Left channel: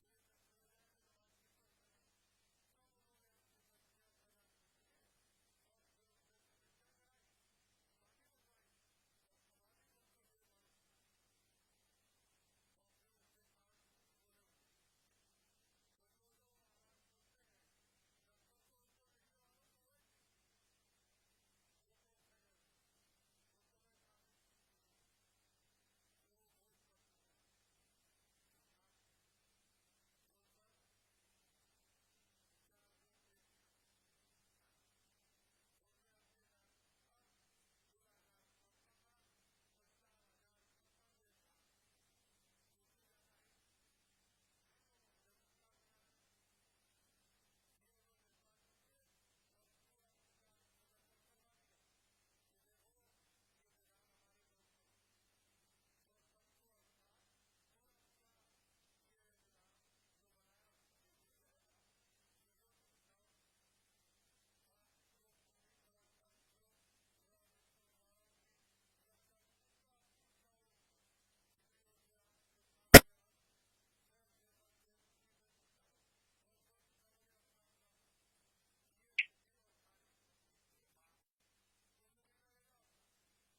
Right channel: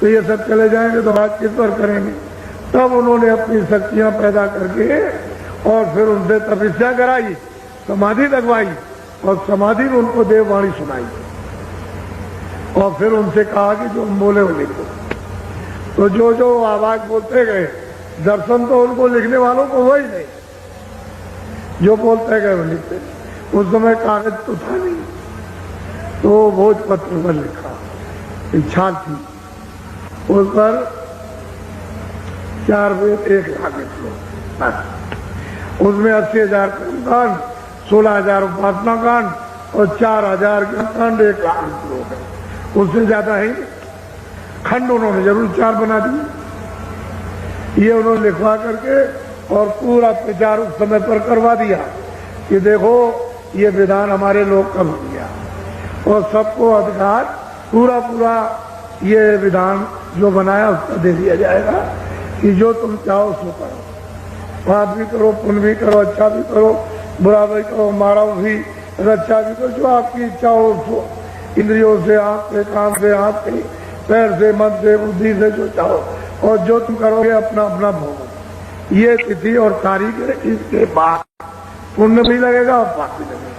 तो ये सब चले जाएंगे तो बात किस पर करेंगे। तब उन्होंने अपनी शक्तियां पैदा करके और फिर उनसे तपस्या कराई, समाधि लगवाई और समाधि में उनको देववाणी सुनाई और फिर उनसे कहा कि जो बोले वो लिखो। तो जो जो आवाज बोलते गए, दर्शन तो उनको लिखने वालों को हुआ ही नहीं, जो बोलते गए वो लिखते। उस समय कागज तो था नहीं, तो भोजपत्र पर लिखा, इच्छा थी उस पर 4 वेद 1 लाख श्लोक, उसमें 80,000 कर्मकांड, 16,000 उपासना कांड और 4,000 कांड, 1 लाख श्लोक है, उससे ज्यादा है। खंड उन्होंने जरूर 4 बना दिए। ये उन्होंने लिखवा करके और पूरा प्रचार उस समय पर करवा दिया कि देखो ये विधान हमारे लोग कर दिया और सबको अधिकार पूरा पूरा ये विधान जो बनाया उसका दे दिया जाएगा कि जो तुम चाहो सो करो, पाप भी करो, पुण्य भी करो, अच्छा भी करो, बुरा भी करो, मारो भी, रक्षा भी करो, जो आपकी इच्छा हो उसको, इंद्रियों से, आंख से, कान से, हाथ से, पैर से, मन से, बुद्धि से, जो चाहो और जो तुम करोगे अपना अपना भोग। ये तिथि और तारीख है, इसके बाद पुण्य भी लगेगा और पाप भी लगेगा।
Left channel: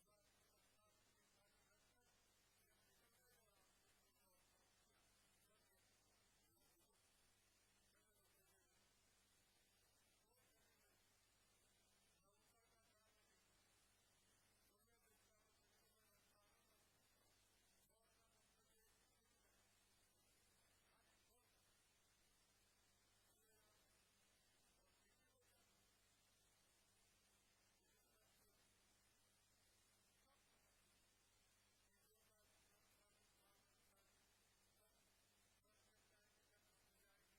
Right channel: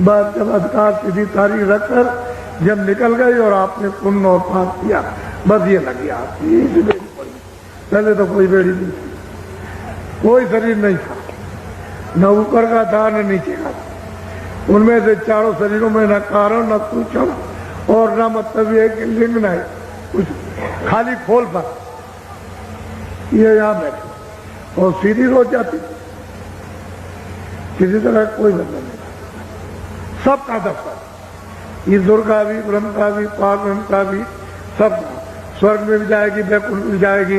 बस जब अधिकार तिथि तारीख रखकर जब निकल गई और आपने पुण्य और पाप किया, बस ये लग गया आपकी बेड़ी पड़ी। पहले तो कोई बेड़ी नहीं थी, कोई शरीर नहीं था, न ऊपर का था न नीचे का था। उनमें से चारों शरीरों में न कारण न सूचम और न मतलब ये कि लिंग नहीं कुछ, खाली खोल पर ये यहाँ बैठे और सीधी रोज जाती, किसी तरह कोई बंधन नहीं, सबका दफ्तर, ईश्वर का भी, ब्रह्म का भी, पारब्रह्म का भी, सबका। स्वर्ग में भी जाएगी, वैकुंठ में भी जाएगी,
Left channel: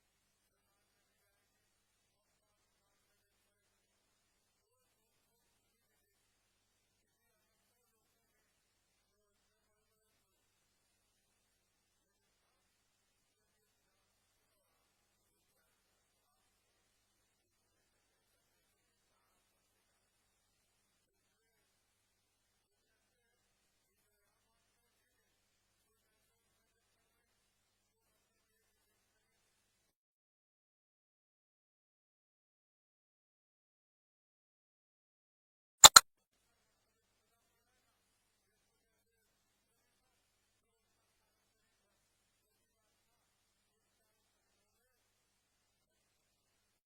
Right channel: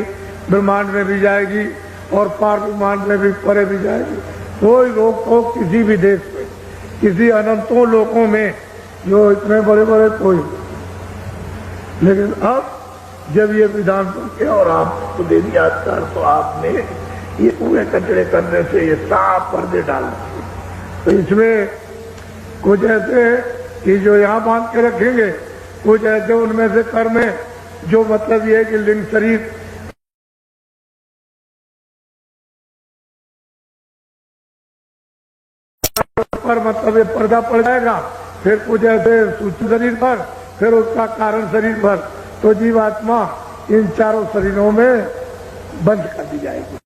ब्रह्मांड में भी जाएगी और पार ब्रह्मांड में भी, परे भी जाएगी। कोई रोक टोक किसी भी देश में, किसी अनंतों लोकों में जो इतने बड़े बड़े कोई। लेकिन अब जब ये विधान बन गया और आपको दे दिया अधिकार, तो आपने ये पूरे कचरे करने से ये साफ पर्दे डाल दिए। तो इसमें कुछ ऐसे कि जो यहाँ बांध के रखेंगे, कुछ ऐसे उनमें से कर्म है जो मतलब ये है कि लिंग शरीर पर मतलब ये पर्दा पड़ जाएगा, फिर कुछ ऐसे सूक्ष्म शरीर पर, फिर उसका कारण शरीर पर। तो जीवात्मा इन चारों शरीरों में बंद कर दी जाएगी।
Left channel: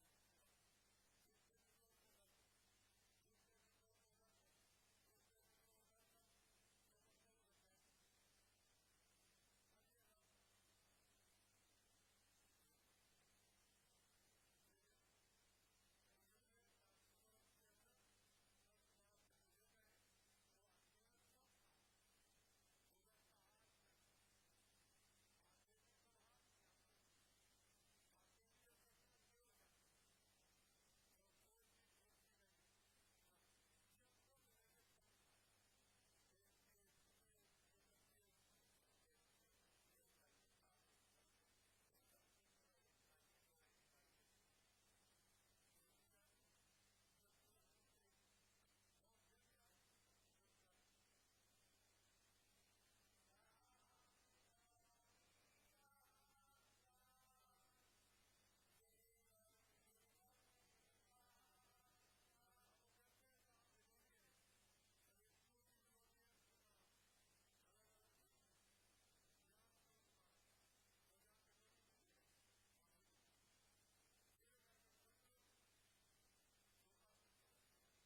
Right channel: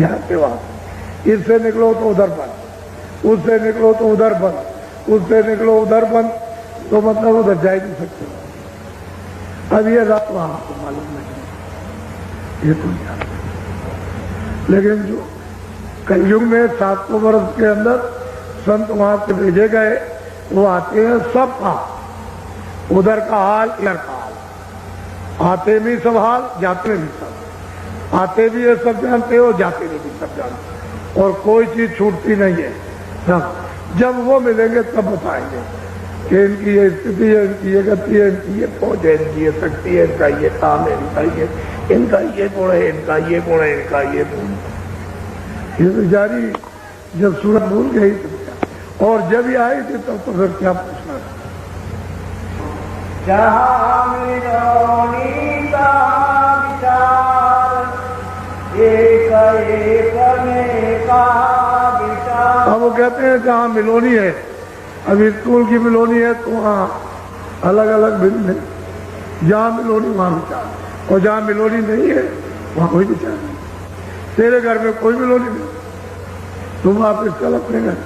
यहाँ के बाद इससे निकलो तो उधर बंद, उससे निकलो तो उधर बंद, उससे निकलो उधर बंद, तो मतलब उधर जा ही नहीं सकते। अब ये रात वहां आपको मालूम नहीं, ये तो नहीं। लेकिन जो कलयुग में 700 वर्ष के अंदर संत वहां से भेजे गए, वो आते हैं सबका, उधर का हाल इधर का हाल, आते भी सब हाल, जाते भी सब, आते भी ये सब जानते हो, जाते भी सब जानते, और कोई चीज छूटती नहीं है। सब जब वो मिलेंगे तब बताएंगे कि इनकी ये स्थिति है, इनकी ये गति है, इनकी ये पहुंच है, इनकी ये शक्ति है, इनका ये काम है, इनका ये गुण है, इनका ये गुण है, इनका ये गुण। ये तो जारी जब सूरत भूल गई तो, और जब ये आई थी तब तो फिर क्या पूछना। अब वो कहते हैं जहाँ मिलोनी है, अभी स्कूल की मिलोनी है तो वहाँ अलग अलग भिन्न है, जहाँ मिलोनी वहाँ विचार, और जहाँ मिलोनी नहीं है वहाँ कोई विचार नहीं। तेरे घर में कोई मिलोनी नहीं, तुम वापिस चल अपने घर,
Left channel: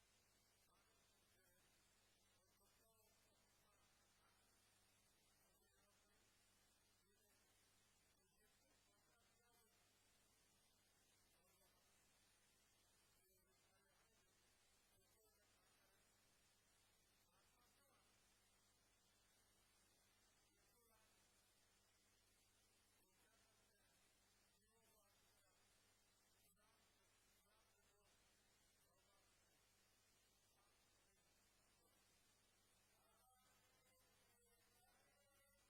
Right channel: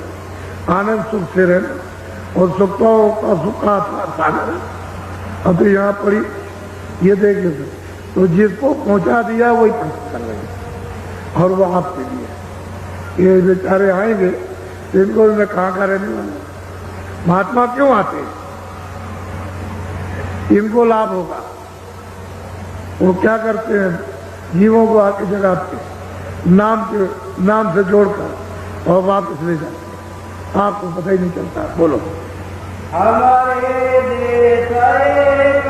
आनंद सुख से रहना और सुखों का सुख का सागर। अब तो यहाँ पड़ी ये देखिए, तो जिसको पहुंचा दिया वही प्रश्न कर रहे हैं और वो आपके लिए। ये बेचारे आएंगे तो इनको मैं कहाँ का रहने वाला। महात्मा क्यों आते हैं? इनको लाभ होगा। वो क्या करते हैं, जीवों को आके जगाते नाम से जोड़कर और वापस ले जाते, आपको पता ही नहीं चलता। बोलो। हमारे देश एक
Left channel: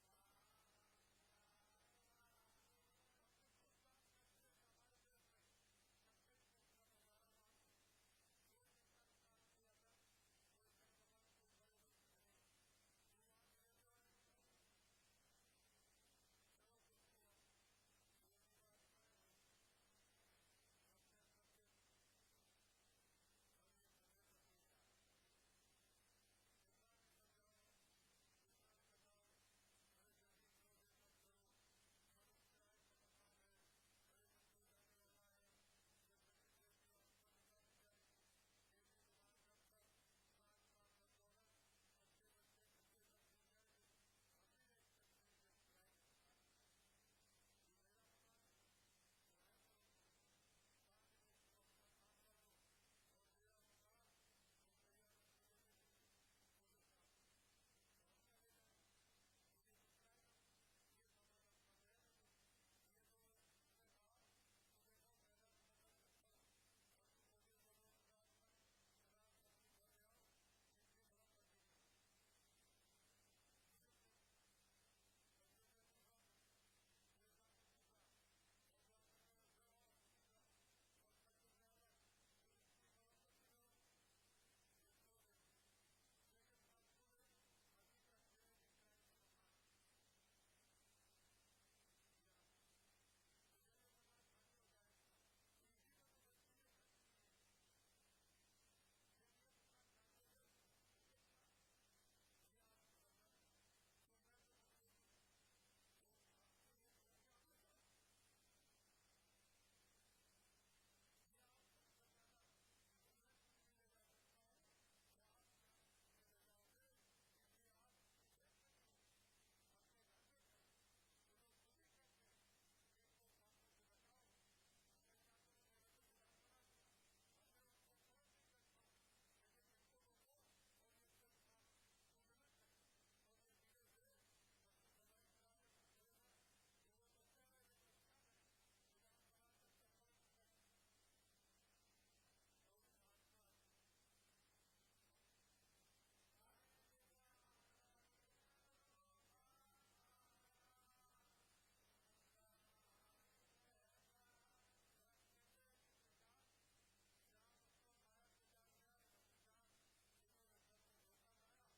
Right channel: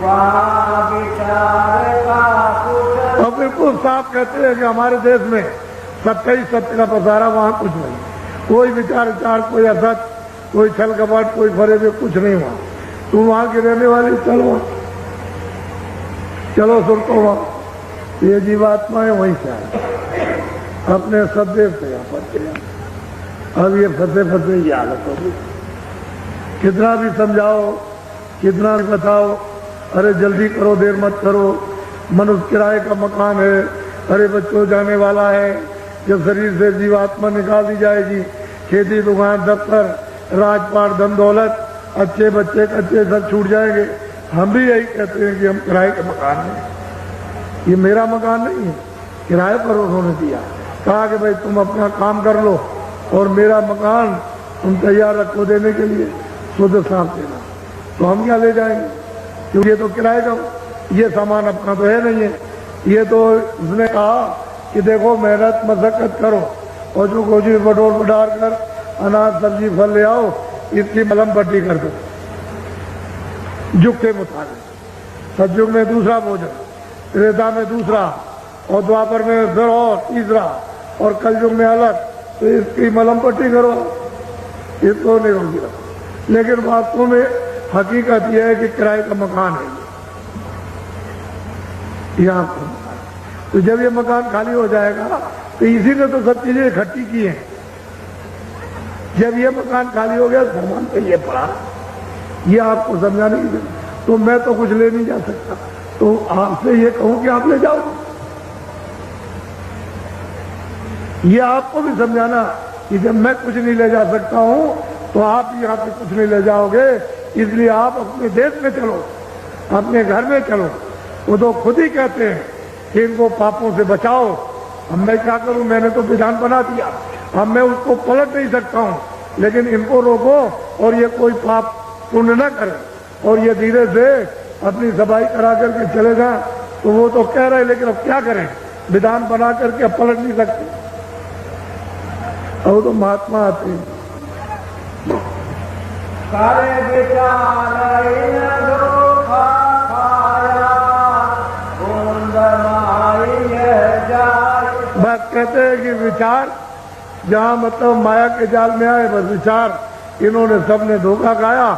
वहाँ विचार का। और बिल्कुल साफ कहते हैं कि हमारे देश में सत्य ही सत्य का पसारा, वहाँ कुछ नहीं, कोई विचार, कोई असत, कोई छल कपट, कोई फरेबे, कुछ नहीं हुआ। तुम वहां की रहने वाली, चलो चलो सुरतो वहां। ये जीवात्मा है, वहीं से आए, अपने सदैव से यहाँ पर गया। अब ये फंसे फंसे ये हालत होगी। कितना भी समझाओ, कितना भी बताओ, अरे जल्दी करो, देर मत करो, मनुष्य किराए का मकान है, अरे बच्चों जाने वाला है, जब शरीर से जीवात्मा निकाल दी जाएगी, खेती दुकान दफ्तर राजपाट धन दौलत अच्छे बच्चे कच्चे सब छूट जाएंगे। हम भी यही कहते हैं कि हम किराए के मकान में, ये मेरा मकान नहीं है, किराए पर उन्होंने दिया, कहा कि भाई तुम अपना काम कर लो और मेरा मकान तुम तैयार रखो देने के लिए, शुद्ध साफ देना। तो हम क्या ले जाएंगे, क्योंकि ये तो किराए का, ये सामान अपना तो है नहीं है। ये तो उसने कहा कि देखो मेहनत मशक्कत करो और जो गोजी बटोर बटार कर अनाज सब्जी फल ले आओ, इसकी मलम पट्टी कर दो युग के मुताबिक। सतयुग में दूसरा भोजन, त्रेता में दूसरा, और द्वापर में फिर और तीसरा, और कलयुग में अलग, तो इसकी मलम पट्टी करो, इसको नहीं होगी। लेकिन वास्तव में हकीकत यह है कि किराए का मकान है ये आपको। तो जब ये मकान खाली हो जाएगा तो इसी ने तो सब चीजें इकट्ठी की हैं। जब ये मकान खाली हो गया, सामान पे ये पड़ा, ये आपको समझाने की जरूरत। तो मैं तो कुछ ले नहीं जा सकता, तो आपसे ये कहूं कि आप ले जाओ। ये आपको भी समझाना कि जब मैं कुछ नहीं ले जा सकता हूं तो आप यहाँ पे कुछ नहीं ले जाओगे, इसलिए आप अपने देश में चलो, अपने घर में चलो। वो तो खुद ही कहते हैं कि इनको पापों से बचाओ। अब मैं क्या करूं, मैंने तो विधान बना दिया, अब मैं उसको पलट नहीं सकता हूं, लेकिन इनको रोको और ये कोई पाप पुण्य न करे और ये धीरे से अपनी सफाई करा करके चले जाए। तो वो तो कह रहे, लेकिन अब क्या करें, विधान बना करके अब पलट नहीं सकते। अब तो महात्मा आते हैं, सारे विचार इन धोखा खाया, कुंद माई जाए। बस कहते हैं कि विचार जहां मतलब माया के जाल में आए, बस विचार इन्होंने सबने धोखा खाया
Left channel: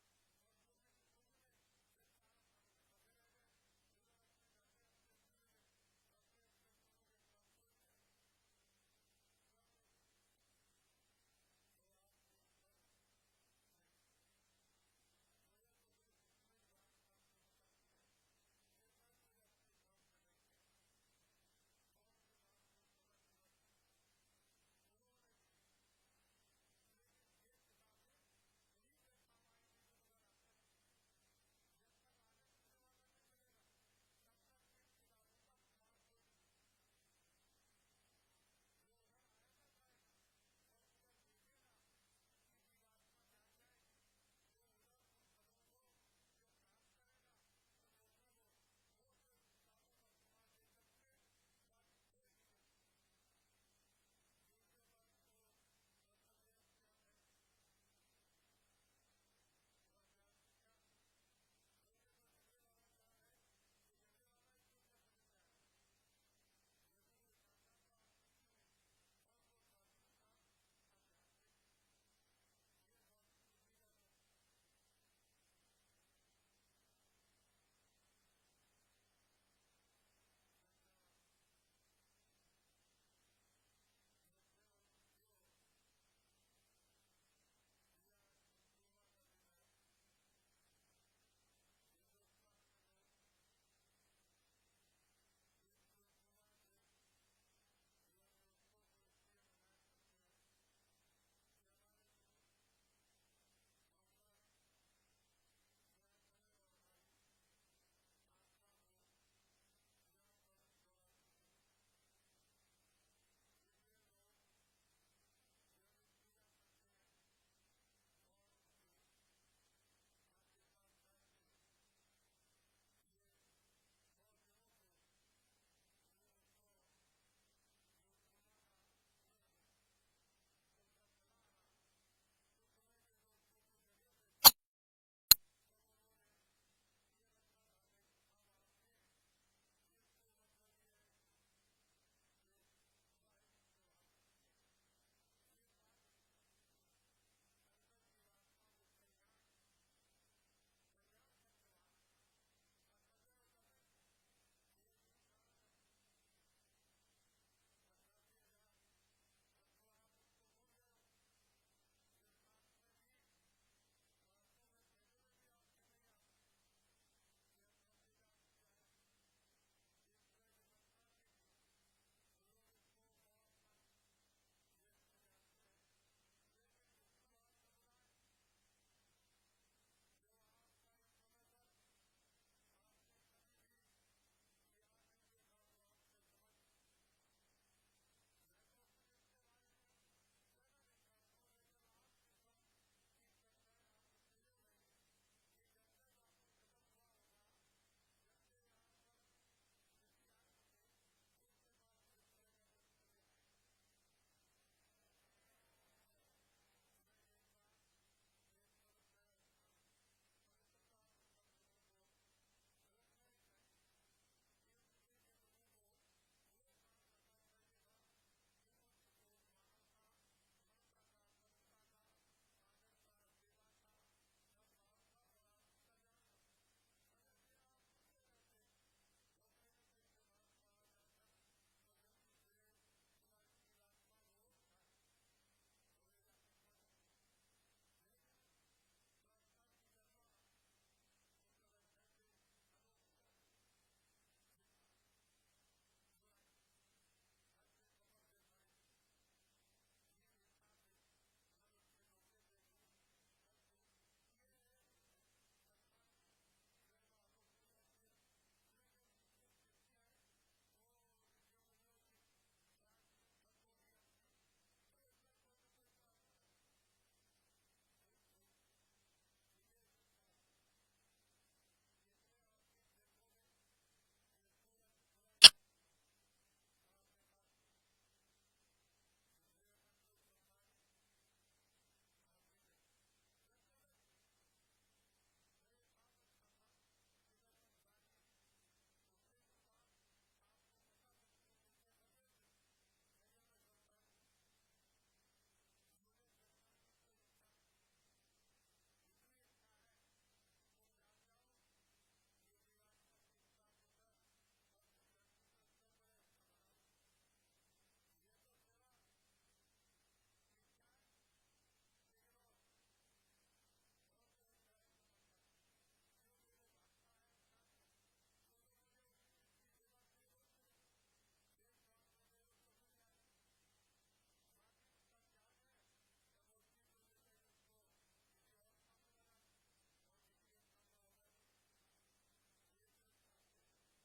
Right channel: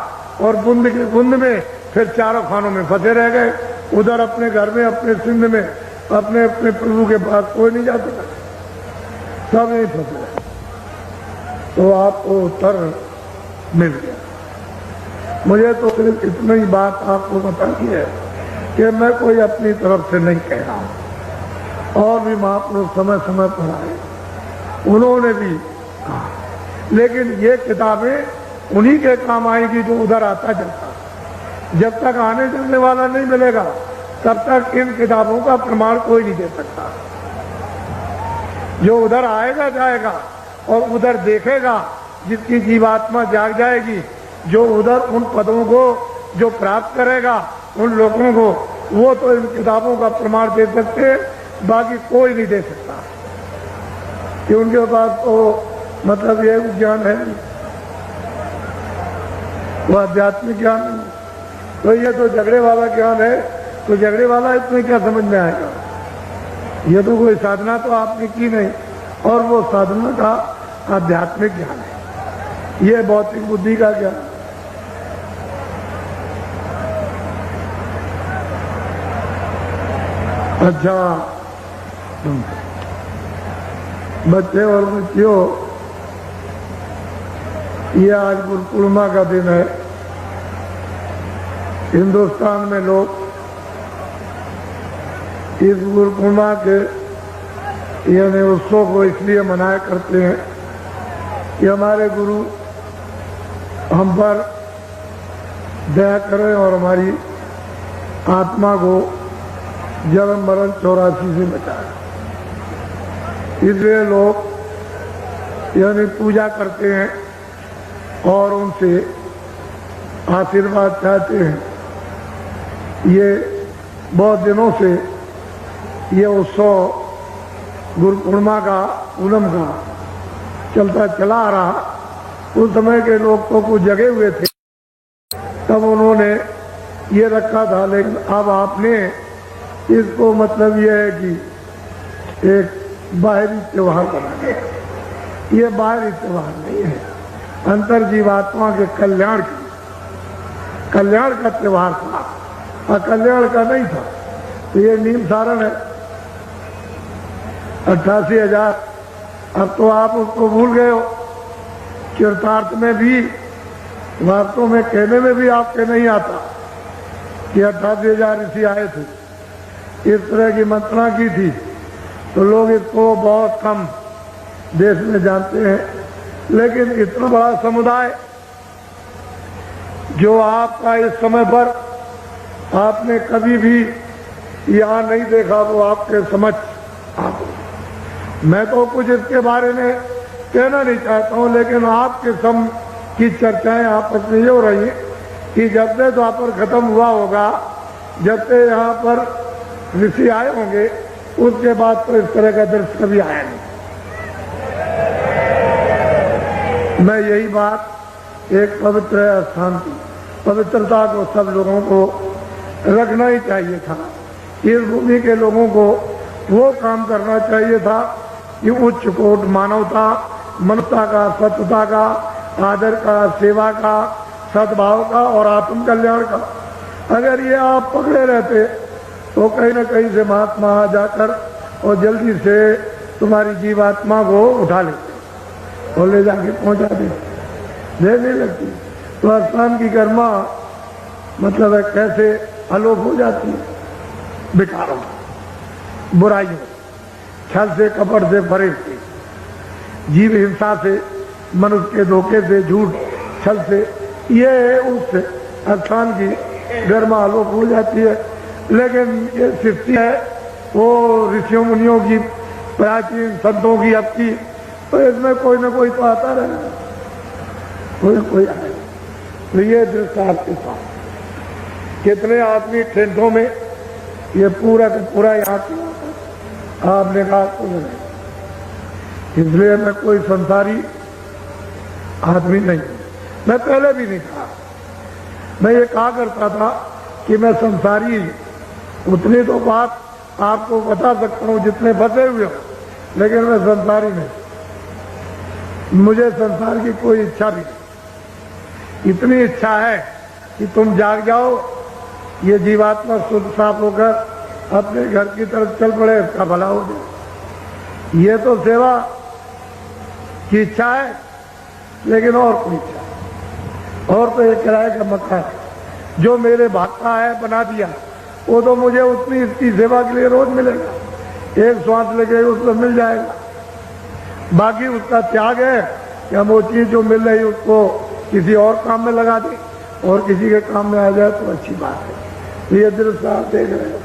और बुंद के बुंद में फिर चारों खानों में फंसे रह गए। उधर अपने घर में, अपने सिंध में, अपने अपने प्रभु के पास कोई नहीं जा सका, सब यही फंसे रहे। तो आपको उत्तर मिल गया। मुझे तो सिर्फ इतनी ही बात आपको बतानी है कि मैं कोई अपनी तरफ से नहीं कह रहा हूं। और भी महापुरुष समय समय पर आए, उन्होंने भी कहा, लेकिन ये किताबें उन्हीं के काम आएगी जो उधर आता जाता। जब तक आने जाने वाला नहीं मिलेगा तब तक इन किताबों का प्रमाण कोई नहीं दे सकता। जो उधर आएगा जाएगा और उधर देखेगा, जिसकी जीवात्मा जाग जाएगी, जो उधर उन पदों को जो प्राप्त करेगा, उन लोगों को, वो तो इन किताबों का प्रमाण दे सकते हैं, बाकी कोई नहीं दे सकता कि उनके पास तो मतलब ये ज्ञान है, वो आध्यात्मिक ज्ञान नहीं। तो ये तो झगड़े वाला ज्ञान है, तो झगड़े वाला इसमें क्या समझ में आएगा। ये तो कोई साधना तो आपने की नहीं, और वो साधना का आध्यात्मिक ज्ञान है, ये भौतिक बुद्धि का ज्ञान। अच्छा बच्चे और बच्चियों, ये आज गुरु पूर्णिमा का दिन है। हिंदुस्तान में लोग इस गुरु पूर्णिमा के यानी उत्सव को इसलिए मनाया करते हैं कि हमारे गुरु हम पर दया करें और हमारी आत्मा को जन्म मरण 84 से बचाए। इसलिए लोग यानी पूजा करते हैं और उनसे आशीर्वाद चाहते हैं। ये बहुत दिनों से ये उत्सव गुरु पूर्णिमा का, पूनम का चलता चला आ रहा। उस समय के लोग तो कुछ जगे हुए थे, तब उन्होंने ये रखा था, लेकिन अब आपने इसको मतलब ये है कि एक बाहरी त्योहार बना दिया। ये बाहरी त्योहार नहीं है, अंतर जीवात्मा के कल्याण की कल्याण का त्योहार था, अकल्याण का नहीं था। तो ये नीम सारण है 88,000। अब तो आप उसको भूल गए हो। चरितार्थ में भी, वास्तव में कहने में भी आपके नहीं आता कि 88,000 ऋषि आए थे, इस तरह की मंत्रणा की थी। तो लोग इसको बहुत कम देश में जानते हैं। लेकिन इतना बड़ा समुदाय जो आपका इस समय पर आपने कभी भी यहां नहीं देखा, वो आपके समझ आप। मैं तो कुछ इसके बारे में कहना नहीं चाहता हूं, लेकिन आपके सम की चर्चाएं आपस में ये हो रही है कि जब से द्वापर खत्म हुआ होगा, जब से यहाँ पर ऋषि आए होंगे, उसके बाद तो इस तरह का दृश्य कभी आया नहीं। मैं यही बात, एक पवित्र स्थान की पवित्रता को सब लोगों को रखना ही चाहिए था। इस भूमि के लोगों को वो काम करना चाहिए था कि उच्च कोट मानवता, मनुष्यता का, सत्यता का, आदर का, सेवा का, सद्भाव का और आत्म कल्याण का। अगर ये आप पकड़े रहते तो कहीं न कहीं से महात्मा आ जाकर और जल्दी से तुम्हारी जीवात्मा को उठा लेते और ले जाके पहुंचा देने लगती। तो स्थान की कर्मा मतलब है कैसे अलोप हो जाती है विकारों, बुराइयों, छल से, कपट से, फरेब से, जीव हिंसा से, मनुष्य के धोखे से, झूठ छल से, ये उस स्थान की गर्मा आलोक हो जाती है। लेकिन ये सृष्टि है वो ऋषियों मुनियों की, प्राचीन संतों की, अब की, तो इसमें कोई ना कोई तो आता रहेगा, कोई कोई आए। तो ये दृश्य आपके साथ कितने आदमी टेंटों में, ये पूरा का पूरा यहाँ आपने कहा तो नहीं। इसलिए मैं कोई संसारी आदमी नहीं, मैं पहले भी नहीं कहा। मैं ये कहा करता था कि मैं संसारी, उतनी तो बात आपको बता सकता हूँ जितने फंसे हुए हो, लेकिन मैं संसारी नहीं। मुझे संसार की कोई इच्छा भी नहीं। इतनी इच्छा है कि तुम जाग जाओ, ये जीवात्मा शुद्ध साफ होकर अपने घर की तरफ चल पड़े, इसका भला हो जाए। ये तो सेवा की इच्छा है, लेकिन और कोई इच्छा, और तो एक किराए का मकान जो मेरे भाग का है बना दिया, वो तो मुझे उतनी इसकी सेवा के लिए रोज मिलेगा, एक श्वास लगे उसको मिल जाएगा। बाकी उसका त्याग है कि हम वो चीज जो मिल रही उसको किसी और काम में लगा दें और किसी के काम में आ जाए तो अच्छी बात है। ये दृश्य आप देख रहे हो।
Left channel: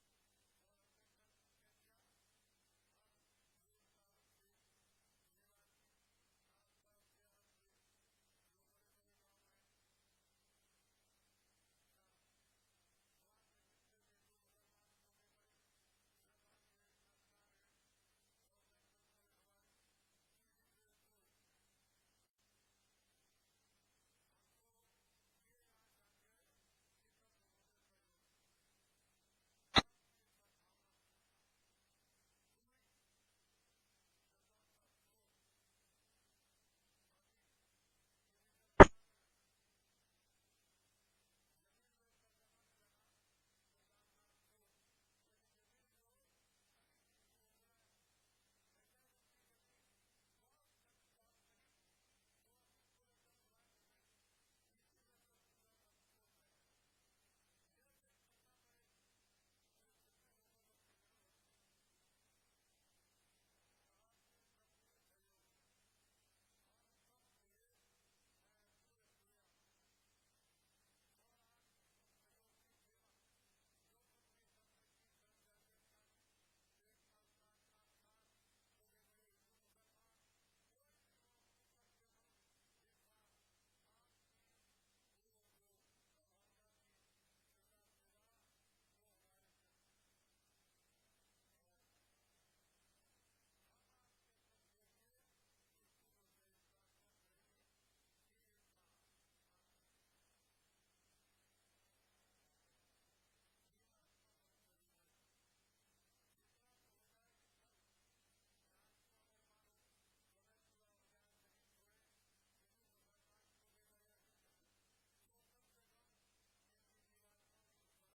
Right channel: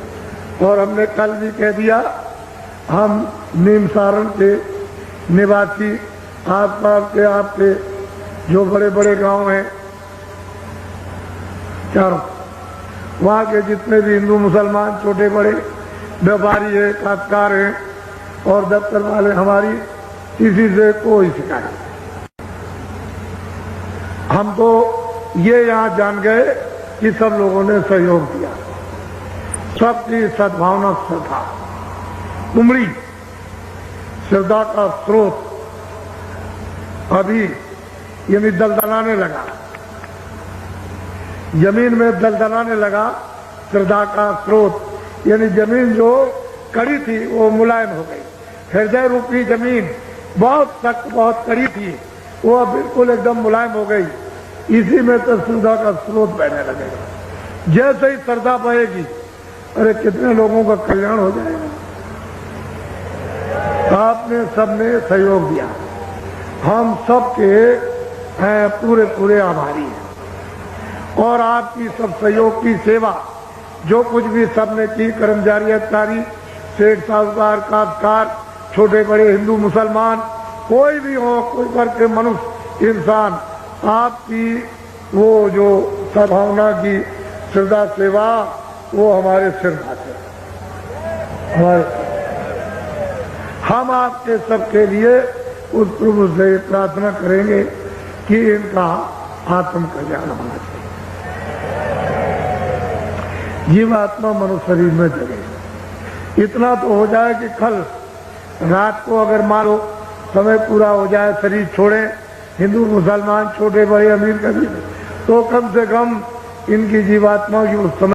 और हमने कल भी कह दिया, हम नीम सारण के निवासी, आसपास के आपके जो बड़े बड़े गांव हैं चारों, वहाँ के जितने भी हिंदू मुसलमान छोटे बड़े व्यापारी है, काश्तकार हैं और दफ्तर वाले, हमारी किसी से कोई शिकायत। हम तो ये यहाँ जान गए कि सब लोगों ने सहयोग दिया, सबकी सद्भावना श्रद्धा उमड़ी, श्रद्धा का स्रोत अभी यानी दलदलाने लगा, जमीन में दलदलाने लगा। श्रद्धा का स्रोत यानी जमीन जो कड़ी थी वो मुलायम हो गई। हृदय रूपी जमीन बहुत सख्त, बहुत कड़ी थी, वो अब बिल्कुल एकदम मुलायम हो गई। इसी में तो श्रद्धा का स्रोत बहने लगेगा। जैसे ही श्रद्धा बहेगी, अरे कितने लोगों का कल्याण हो जाएगा। आपने सबने सहयोग दिया, हम सबके पूरे पूरे आभारी हैं। और आपकी सब सहयोग की सेवा जो कुछ भी सबने की, कर्मचारी, अधिकारी, सेठ, साहूकार, काश्तकार, छोटे बड़े, हिंदू मुसलमान, कोई भी हो, कोई वर्ग के मनुष्य, इंसान, आपकी वो जो सद्भावना की श्रद्धा सेवा, वो हमारे सिर खाते, हम आपके सबके लिए उस प्रभु से प्रार्थना करेंगे कि इनका आत्म कल्याण होना चाहिए। जीवात्मा मनुष्य शरीर में जगे, इतना तो हो जाए कि कल रात को अगर मान लो समय पूरा हो जाए, शरीर छोड़े, हिंदू मुसलमान, छोटे बड़े, अमीर गरीब, तो कम से कम इनकी जीवात्मा की उस समय